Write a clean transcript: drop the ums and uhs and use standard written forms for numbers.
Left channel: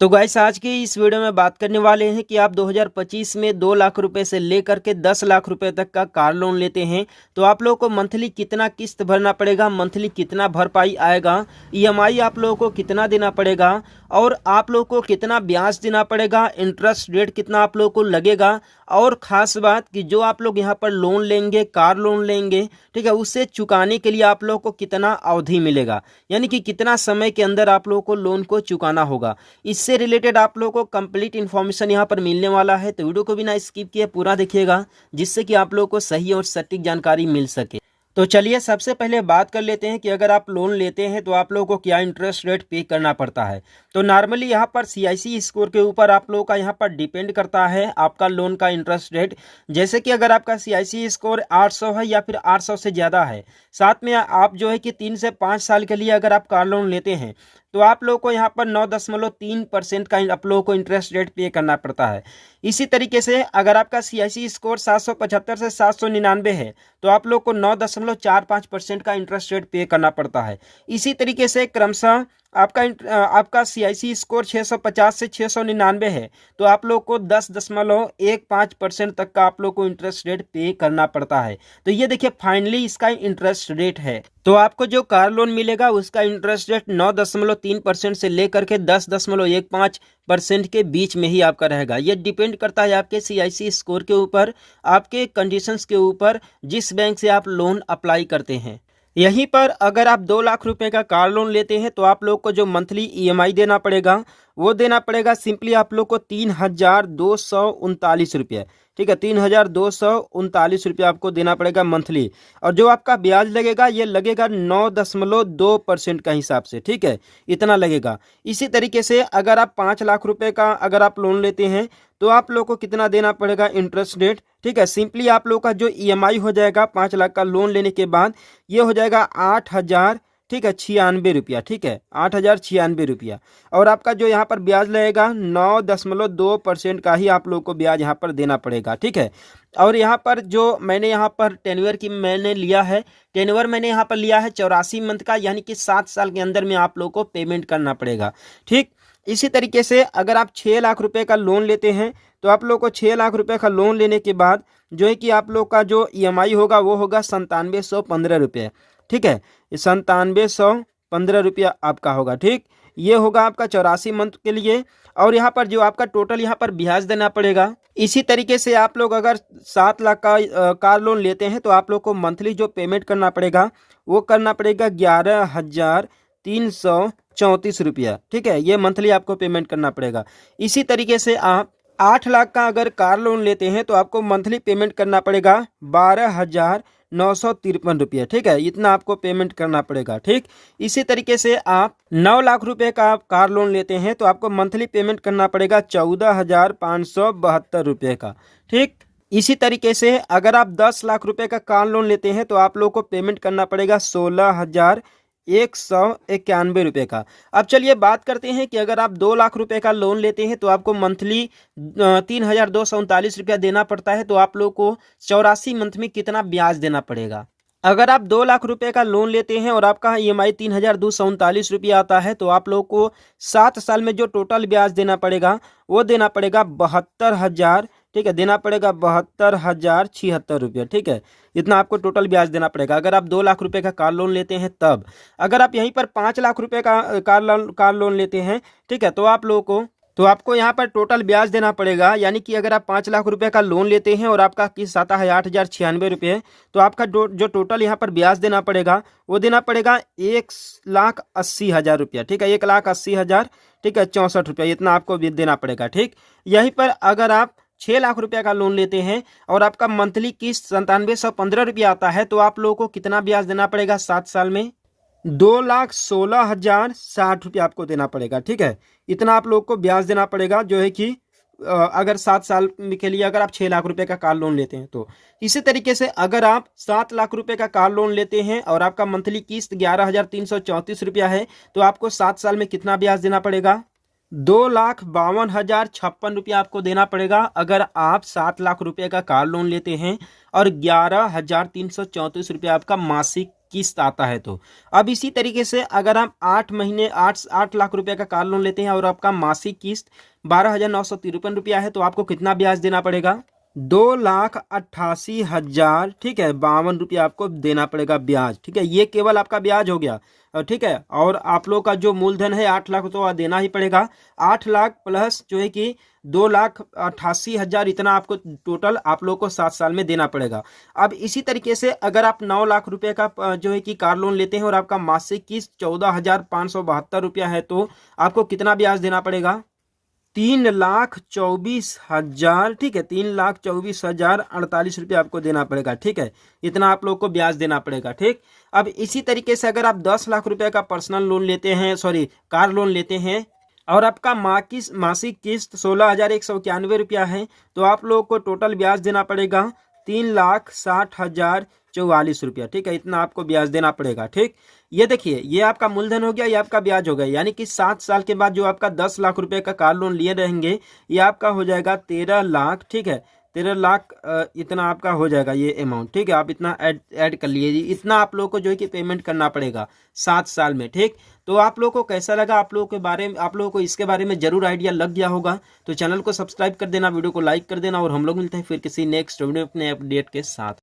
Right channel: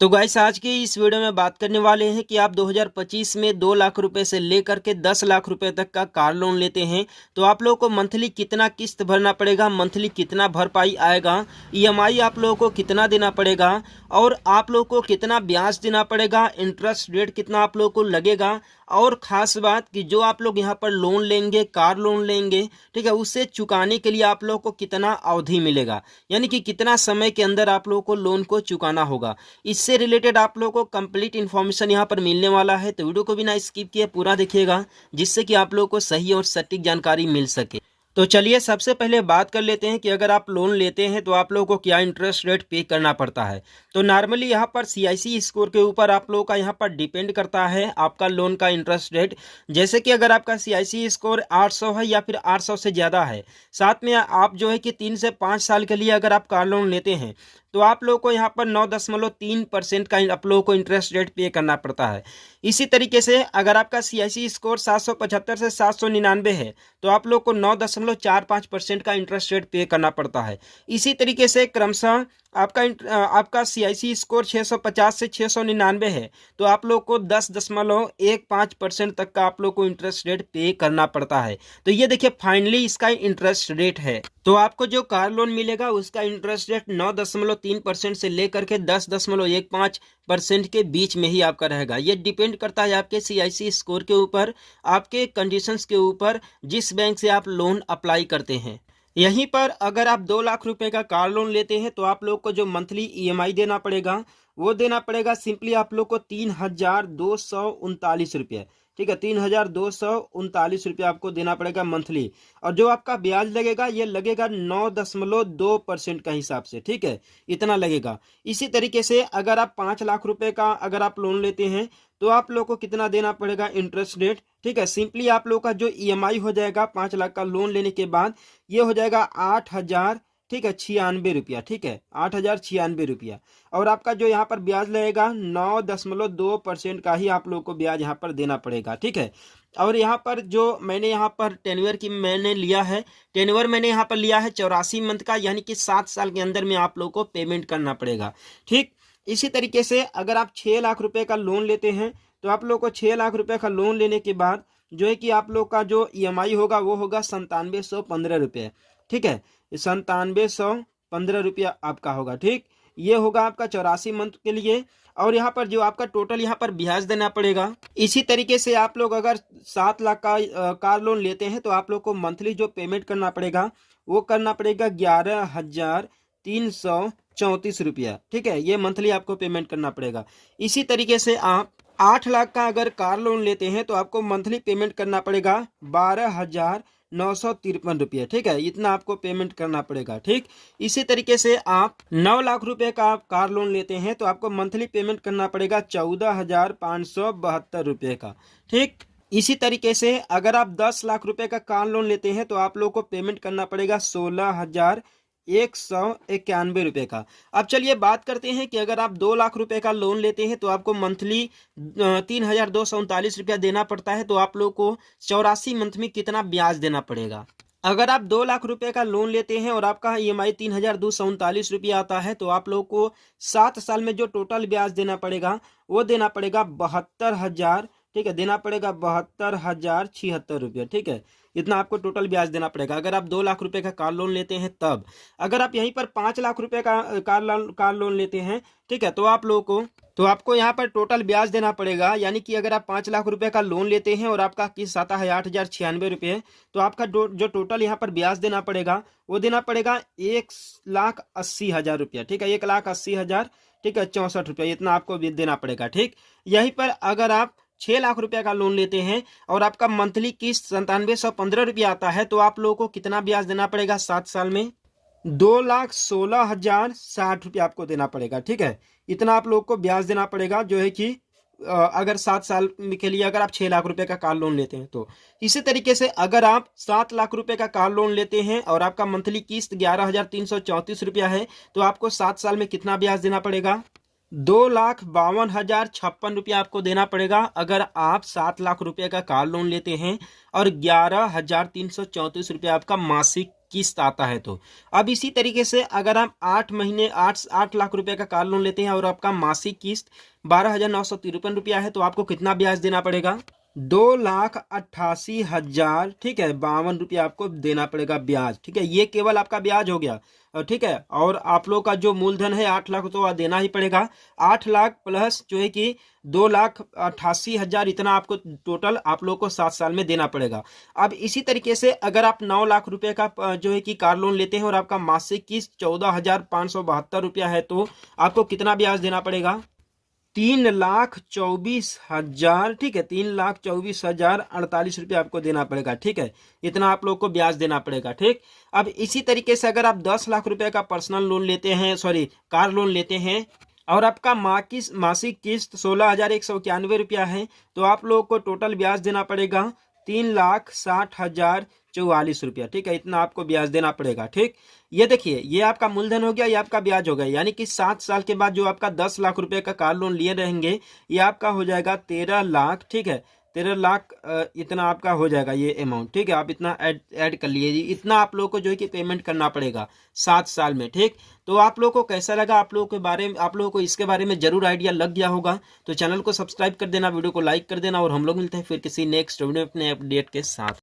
तो गाइस आज की इस वीडियो में बात करने वाले हैं कि आप 2025 में 2 लाख रुपए से लेकर के 10 लाख रुपए तक का कार लोन लेते हैं तो आप लोगों को मंथली कितना किस्त भरना पड़ेगा, मंथली कितना भरपाई आएगा, ईएमआई आप लोगों को कितना देना पड़ेगा और आप लोगों को कितना ब्याज देना पड़ेगा, इंटरेस्ट रेट कितना आप लोगों को लगेगा। और ख़ास बात कि जो आप लोग यहाँ पर लोन लेंगे, कार लोन लेंगे, ठीक है, उससे चुकाने के लिए आप लोगों को कितना अवधि मिलेगा, यानी कि कितना समय के अंदर आप लोगों को लोन को चुकाना होगा। इससे रिलेटेड आप लोगों को कंप्लीट इन्फॉर्मेशन यहाँ पर मिलने वाला है, तो वीडियो को बिना स्किप किए पूरा देखिएगा जिससे कि आप लोगों को सही और सटीक जानकारी मिल सके। तो चलिए सबसे पहले बात कर लेते हैं कि अगर आप लोन लेते हैं तो आप लोगों को क्या इंटरेस्ट रेट पे करना पड़ता है। तो नॉर्मली यहाँ पर सीआईसी स्कोर के ऊपर आप लोगों का यहाँ पर डिपेंड करता है आपका लोन का इंटरेस्ट रेट। जैसे कि अगर आपका सीआईसी स्कोर 800 है या फिर 800 से ज़्यादा है, साथ में आप जो है कि 3 से 5 साल के लिए अगर आप कार लोन लेते हैं तो आप लोगों को यहाँ पर 9.3% का आप लोगों को इंटरेस्ट रेट पे करना पड़ता है। इसी तरीके से अगर आपका सीआईसी स्कोर 775 से 799 है तो आप लोग को 9.45% का इंटरेस्ट रेट पे करना पड़ता है। इसी तरीके से क्रमशः आपका सीआईसी स्कोर 650 से 699 है तो आप लोग को 10.15% तक का आप लोग को इंटरेस्ट रेट पे करना पड़ता है। तो ये देखिए फाइनली इसका इंटरेस्ट रेट है। तो आपको जो कार लोन मिलेगा उसका इंटरेस्ट रेट 9.3% से लेकर के 10.15% के बीच में ही आपका रहेगा। ये डिपेंड करता है आपके सीआईसी स्कोर के ऊपर, आपके कंडीशंस के ऊपर, जिस बैंक से आप लोन अप्लाई करते हैं। यहीं पर अगर आप 2 लाख रुपए का कार लोन लेते हैं तो आप लोग को जो मंथली ईएमआई देना पड़ेगा वो देना पड़ेगा सिंपली आप लोग को 3,239 रुपये। ठीक है, 3,239 रुपये आपको देना पड़ेगा मंथली। और जो आपका ब्याज लगेगा ये लगेगा 9.2% का हिसाब से। ठीक है, इतना लगेगा। इसी तरीके से अगर आप 5 लाख रुपए का अगर आप लोन लेते हैं तो आप लोग को कितना देना पड़ेगा इंटरेस्ट रेट। ठीक है, सिंपली आप लोग का जो ईएमआई हो जाएगा 5 लाख का लोन लेने के बाद ये हो जाएगा 8,000, ठीक है, 96 रुपया। ठीक है, 8,096 रुपया। और आपका जो यहाँ पर ब्याज लगेगा 9.2% का ही आप लोग को ब्याज यहाँ पर देना पड़ेगा। ठीक है, और यहाँ पर जो मैंने यहाँ पर टेन्योर की मैंने लिया है, टेन्योर मैंने यहाँ पर लिया है 84 मंथ का, यानी कि 7 साल के अंदर में आप लोग को पेमेंट करना पड़ेगा। ठीक, इसी तरीके से अगर आप 6 लाख रुपए का लोन लेते हैं तो आप लोग को 6 लाख रुपए का लोन लेने के बाद जो है कि आप लोग का जो ईएमआई होगा वो होगा 9715 रुपये। ठीक है, 9715 रुपया आपका होगा। ठीक, ये होगा आपका 84 मंथ के लिए। और यहाँ पर जो आपका टोटल यहाँ पर ब्याज देना पड़ेगा। इसी तरीके से आप लोग अगर 7 लाख का कार लोन लेते हैं तो आप लोग को मंथली जो पेमेंट करना पड़ेगा वो करना पड़ेगा 11,334 रुपया। ठीक है, ये मंथली आपको पेमेंट करना पड़ेगा। इसी तरीके से आप 8 लाख का अगर कार लोन लेते हैं तो आपको मंथली पेमेंट करना पड़ेगा 12,953 रुपये। ठीक है, इतना आपको पेमेंट करना पड़ेगा। ठीक, इसी तरीके से आप 9 लाख रुपए का कार लोन लेते हैं तो आपको मंथली पेमेंट करना पड़ेगा 14,572 रुपये का। ठीक, इसी तरीके से अगर आप 10 लाख रुपए का कार लोन लेते हैं तो आप लोग को पेमेंट करना पड़ेगा 16,191 रुपये का। अब चलिए बात करते हैं कि अगर आप 2 लाख रुपए का लोन लेते हैं तो आपको मंथली 3,239 रुपया देना पड़ता है। तो आप लोग को 84 मंथ में कितना ब्याज देना पड़ेगा। अगर आप 2 लाख रुपए का लोन लेते हैं और आपका ईएमआई 3,239 रुपया आता है तो आप लोग को 7 साल में जो टोटल ब्याज देना पड़ेगा वो देना पड़ेगा 72,000। ठीक है, देना पड़ेगा 72,076 रुपये। ठीक है, इतना आपको टोटल ब्याज देना पड़ेगा अगर आप 2 लाख रुपए का कार लोन लेते हैं तब। अगर आप यहीं पर 5 लाख रुपए का कार लोन लेते हैं, ठीक है, तो आप लोगों को तो आपको यहाँ पर टोटल ब्याज देना पड़ेगा। यानी कि अगर आप 5 लाख रुपए का लोन लेते हैं और आपका किस्त आता है 8,096 रुपये तो आपका जो टोटल यहाँ पर ब्याज देना पड़ेगा वो देना पड़ेगा 1,80,000 रुपया। ठीक है, 1,80,000, ठीक है, 64 रुपया, इतना आपको देना पड़ेगा। ठीक, यहीं पर अगर आप 6 लाख रुपए का लोन लेते हैं और आपका मंथली किस्त 9715 रुपया आता है तो आप लोगों को कितना ब्याज देना पड़ेगा 7 साल में 2,16,060 रुपया आपको देना पड़ेगा। ठीक है, इतना आप लोग को ब्याज देना पड़ेगा जो है कि अगर 7 साल के लिए अगर आप 6 लाख रुपए का कार लोन लेते हैं तो। इसी तरीके से अगर आप 7 लाख रुपए का कार लोन लेते हैं और आपका मंथली किस्त 11,334 रुपया है तो आपको 7 साल में कितना ब्याज देना पड़ेगा 2,52,056 रुपया आपको देना पड़ेगा अगर आप 7 लाख रुपए का कार लोन लेते हैं और 11,334 रुपया आपका मासिक किस्त आता है तो। अब इसी तरीके से अगर आप 8 महीने 8 लाख रुपए का कार लोन लेते हैं और आपका मासिक किस्त 12,953 रुपया है तो आपको कितना ब्याज देना पड़ेगा? 2,88,000, ठीक है, 52 रुपया आपको देना पड़ेगा ब्याज। ठीक है, ये केवल आपका ब्याज हो गया। ठीक है, और आप लोग का जो मूलधन है 8 लाख तो देना ही पड़ेगा। 8 लाख प्लस जो है कि 2,88,000, इतना आपको टोटल आप लोग को 7 साल में देना पड़ेगा। अब इसी तरीके से अगर आप 9 लाख रुपए का जो है कि कार लोन लेते हैं और आपका मासिक किस्त 14,572 रुपया है तो आपको कितना ब्याज देना पड़ेगा? 3,24,000, ठीक है, 3,24,048 रुपये आपको देना पड़ेगा। ठीक है, इतना आप लोग को ब्याज देना पड़ेगा। ठीक, अब इसी तरीके से अगर आप 10 लाख रुपए का पर्सनल लोन लेते हैं, सॉरी कार लोन लेते हैं और आपका मासिक किस्त 16,191 रुपया है तो आप लोग को टोटल ब्याज देना पड़ेगा 3,60,044 रुपया। ठीक है, इतना आपको ब्याज देना पड़ेगा। ठीक, ये देखिए, ये आपका मूलधन हो गया, ये आपका ब्याज हो गया, यानी कि 7 साल के बाद जो आपका 10 लाख रुपए का कार लोन लिए रहेंगे ये आपका हो जाएगा 13 लाख। ठीक है, 13 लाख इतना आपका हो जाएगा ये अमाउंट। ठीक है, आप इतना ऐड कर लीजिए, इतना आप लोग को जो है कि पेमेंट करना पड़ेगा 7 साल में। ठीक, तो आप लोग को कैसा लगा? आप लोगों के बारे में, आप लोगों को इसके बारे में जरूर आइडिया लग गया होगा तो चैनल को सब्सक्राइब कर देना, वीडियो को लाइक कर देना और हम लोग मिलते हैं फिर किसी नेक्स्ट वीडियो अपने अपडेट के साथ।